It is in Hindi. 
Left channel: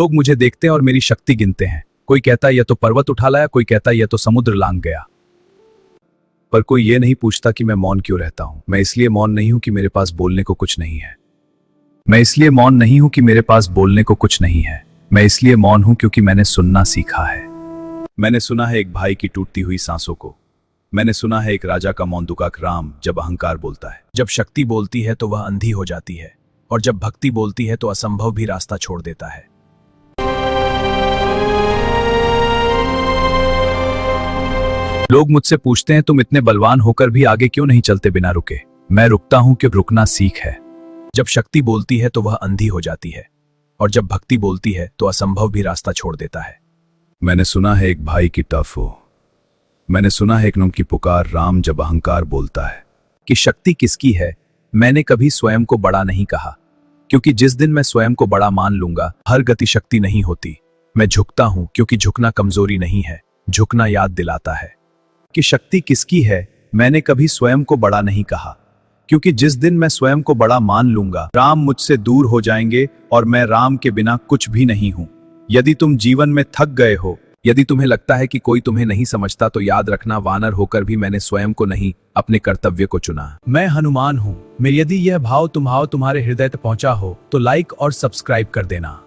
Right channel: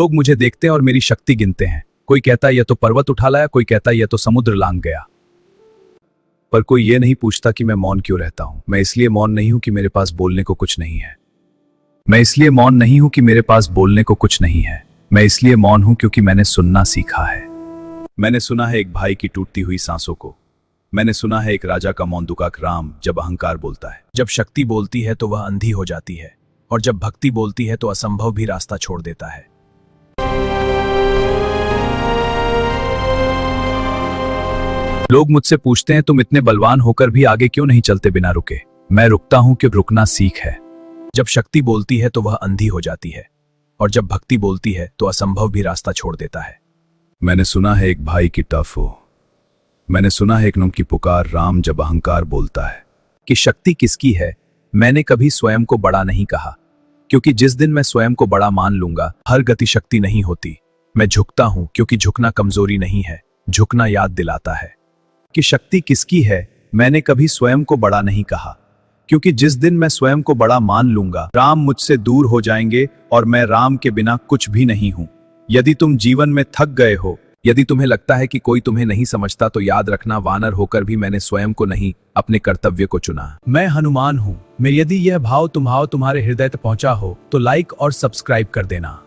लोग मुझे देखते हैं और मेरी शक्ति गिनते हैं। कोई कहता है यह तो पर्वत उठा लाया, कोई कहता है यह तो समुद्र लांघ गया, पर कोई ये नहीं पूछता कि मैं मौन क्यों रहता हूं। मैं इसलिए मौन नहीं हूं कि मेरे पास बोलने को कुछ नहीं है। मैं इसलिए मौन नहीं हूं कि मेरे पास बोलने को कुछ नहीं है। मैं इसलिए मौन हूं क्योंकि मैंने सुनना सीखा है। मैंने सुना है एक भाई की टूटती हुई सांसों को। मैंने सुना है एक राजा का मौन दुखा राम जब अहंकार बोलता है। जब शक्ति बोलती है तो वह अंधी हो जाती है, और जब भक्ति बोलती है तो असंभव भी रास्ता छोड़ देता है। लोग मुझसे पूछते हैं तुम इतने बलवान होकर भी आगे क्यों नहीं चलते बिना रुके। मैं रुकता हूं कि रुकना सीख है। जब शक्ति बोलती है तो वह अंधी हो जाती है, और जब भक्ति बोलती है तो असंभव भी रास्ता छोड़ देता है। मैंने सुना है एक भाई की टफ हो। मैंने सुना है एक नुम की पुकार राम जब अहंकार बोलता है। कि शक्ति किसकी है, मैंने कभी स्वयं को बड़ा नहीं कहा, क्योंकि जिस दिन मैं स्वयं को बड़ा मान लूंगा, हर गति शक्ति नहीं होती। मैं झुकता हूं क्योंकि झुकना कमजोरी नहीं है, झुकना याद दिलाता है। कि शक्ति किसकी है, मैंने कभी स्वयं को बड़ा नहीं कहा, क्योंकि जिस दिन मैं स्वयं को बड़ा मान लूंगा, राम मुझसे दूर हो जाएंगे और मैं राम के बिना कुछ भी नहीं हूं। यदि तुम जीवन में थक गए हो, यदि तुम्हें लगता है कि कोई तुम्हें नहीं समझता, तो याद रखना वानर होकर भी मैंने स्वयं को नहीं, अपने कर्तव्य को चुना। मैं हनुमान हूं। यदि यह भाव तुम्हारे हृदय तक पहुंचा हो तो लाइक और सब्सक्राइब कर देना।